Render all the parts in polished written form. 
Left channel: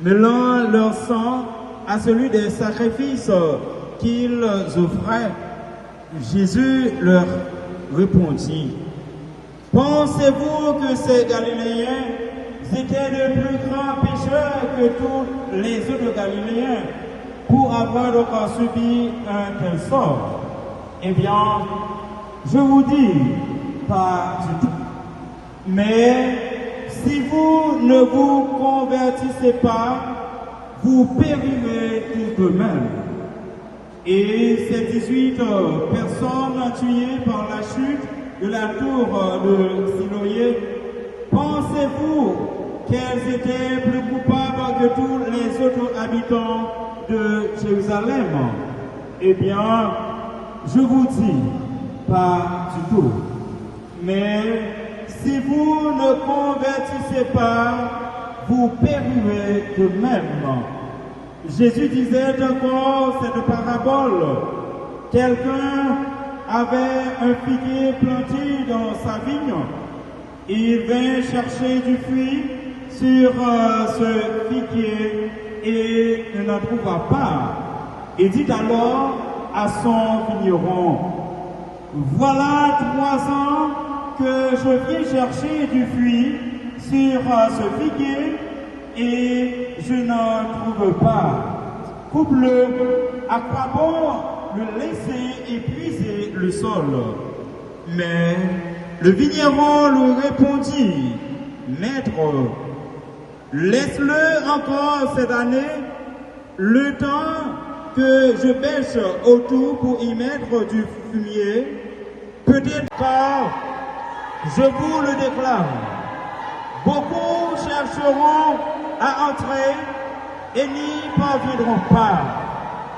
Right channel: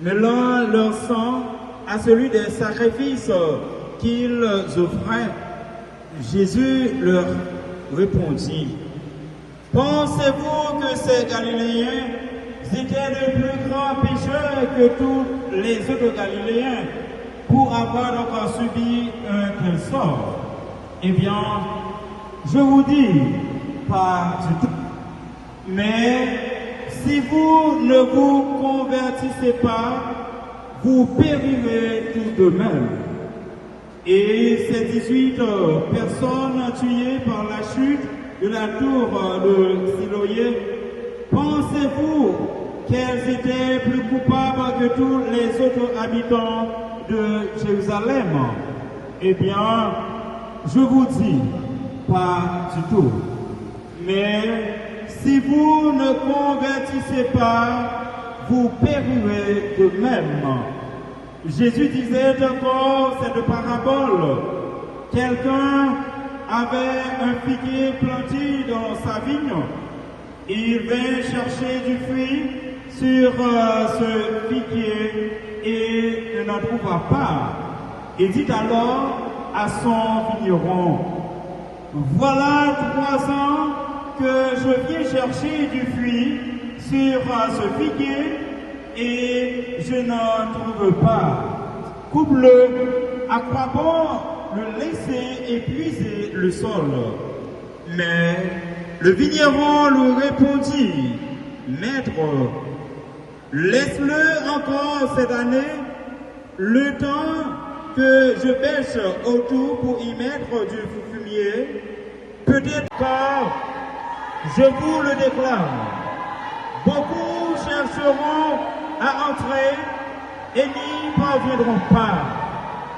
mêlant leur sang à celui des sacrifices qu'ils offraient. Jésus leur répondit, « Pensez-vous que ces Galiléens étaient de plus grands pécheurs que tous les autres Galiléens pour avoir encore subi un tel sort? Eh bien, je vous dis, pas du tout. Mais si vous ne vous convertissez pas, vous périrez tout de même. » Et ces 18 personnes tuées par la chute de la tour de Siloé, pensez-vous qu'elles étaient plus coupables que tous les autres habitants de Jérusalem? Eh bien, je vous dis, pas du tout. Mais si vous ne convertissez pas, vous périrez de même. Jésus disait encore cette parabole. Quelqu'un avait un figuier planté dans sa vigne. Il vint chercher du fruit sur ce figuier et ne n'en trouva pas. Il dit alors à son vigneron, « Voilà 3 ans que je viens chercher du fruit sur ce figuier et je n'en trouve pas. Coupe-le, à quoi bon le laisser épuiser le sol? » Mais le vigneron lui répondit, « Maître, laisse-le encore cette année, le temps que je bêche autour pour y mettre du fumier. Peut-être car, je vous le déclare, beaucoup chercheront à entrer et n'y parviendront pas.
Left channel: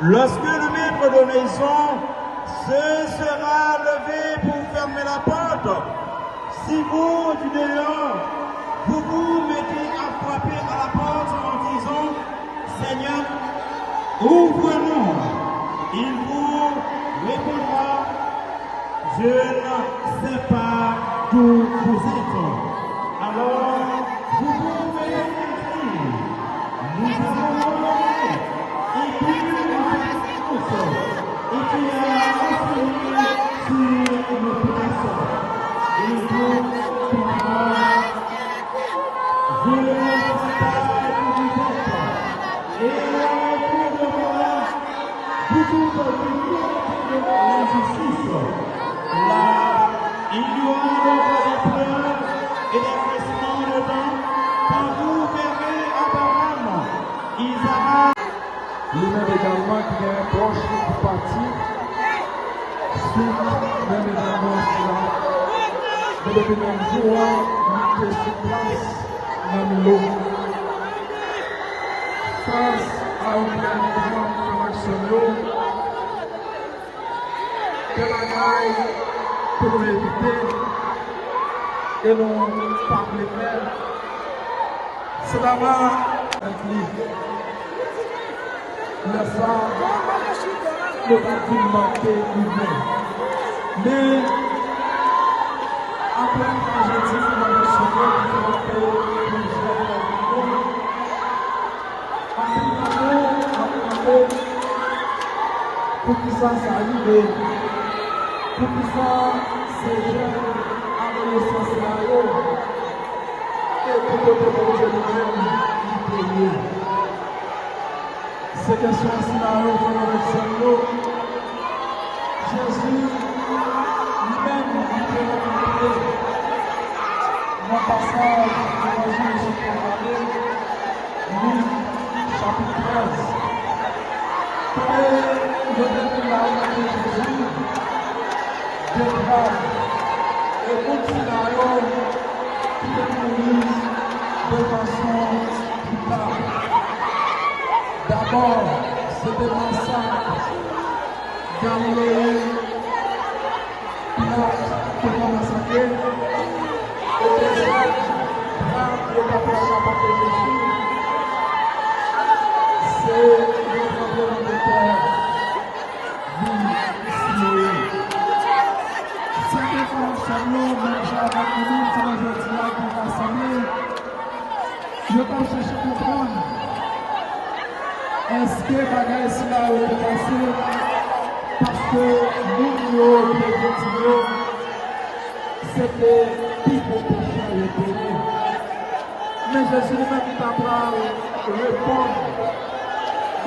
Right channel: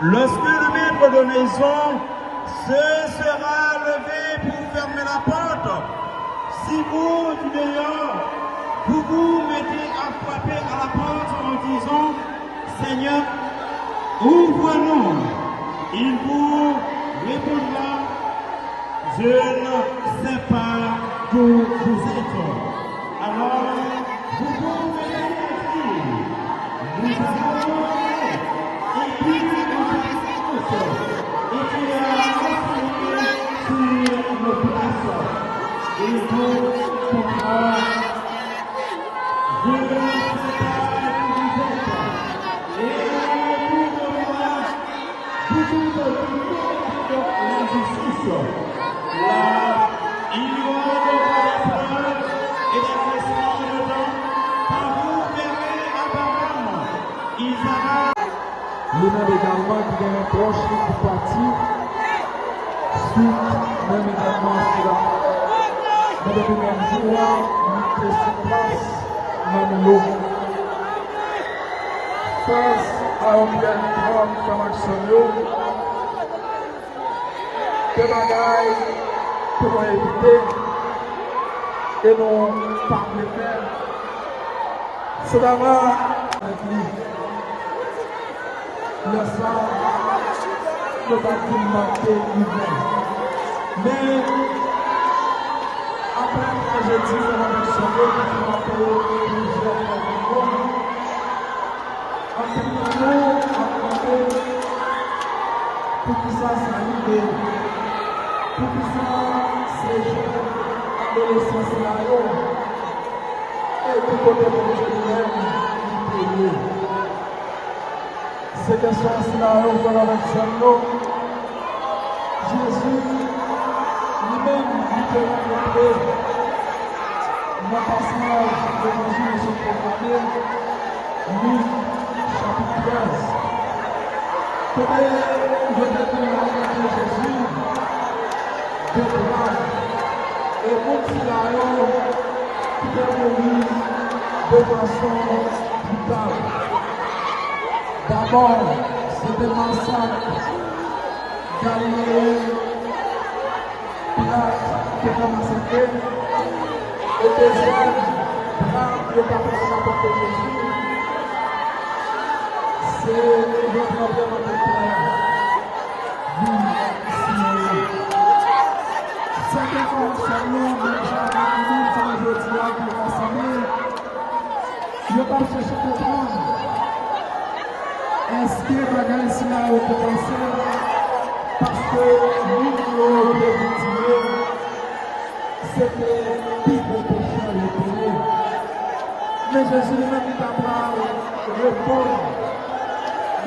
Lorsque le maître de maison se sera levé pour fermer la porte, si vous, du dehors, vous vous mettez à frapper à la porte en disant, « Seigneur, ouvre-nous », il vous répondra, « Je ne sais pas d'où vous êtes. » Alors, vous pouvez dire, « Nous avons et puis nous faisons et puis sur nos places. Et vous pourrez, je ne sais pas d'où vous êtes. Et pour le moment, beaucoup de l'injustice. Là, il y aura des preuves et des respects par vous verrez apparemment. Il sera. Lui-même également qui est un proche qui partit. Suite, même également cela. Mais depuis le même jour, nous faisons sur place, même l'eau. Face à un grand comme action, que l'on aille pour éviter et l'on parle. C'est d'abord avec lui. Le phare, le confinement que nous vivons. Mais, après que j'ai dit à la Seigneur qui m'a fait pour que ça s'arrive, pour que ça s'élève à l'essentiel et pour que le projet de l'homme c'est que soit de la Seigneur, Jésus lui-même nous fait rencontrer dans le passage de l'évangile proclamé, Luc chapitre 13. Comment je déclare que Jésus déclare et continue alors qui est venu de façon brutale. D'abord, c'était l'ensemble Galiléen, Pilate qui a commencé à faire, et deuxième, le papa de Jésus, c'est le travail de terre, vie, c'est que comme Samuel, même si la famille, comme je dis, qui va s'amener, je ne vais pas chercher à comprendre. est-ce que bagage cela a été passé parce que nous c'était plus de péché à l'intérieur. Mais Jésus m'a dit à répondre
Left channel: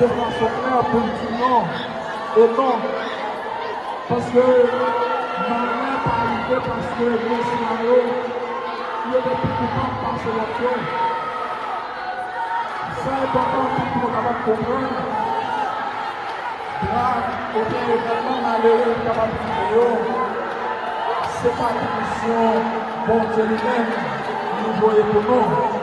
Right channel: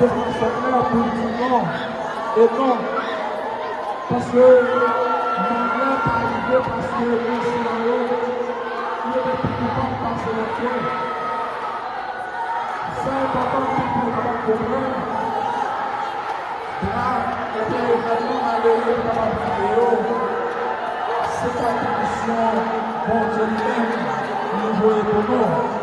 devant son corps politiquement au nom. Parce que nous n'avons pas arrivé parce que le Seigneur, il y a des petits temps qui sont la terre. C'est important pour nous de comprendre. Là, on est vraiment malheureux pour la vidéo. C'est pas une mission pour nous-mêmes, nous voulons.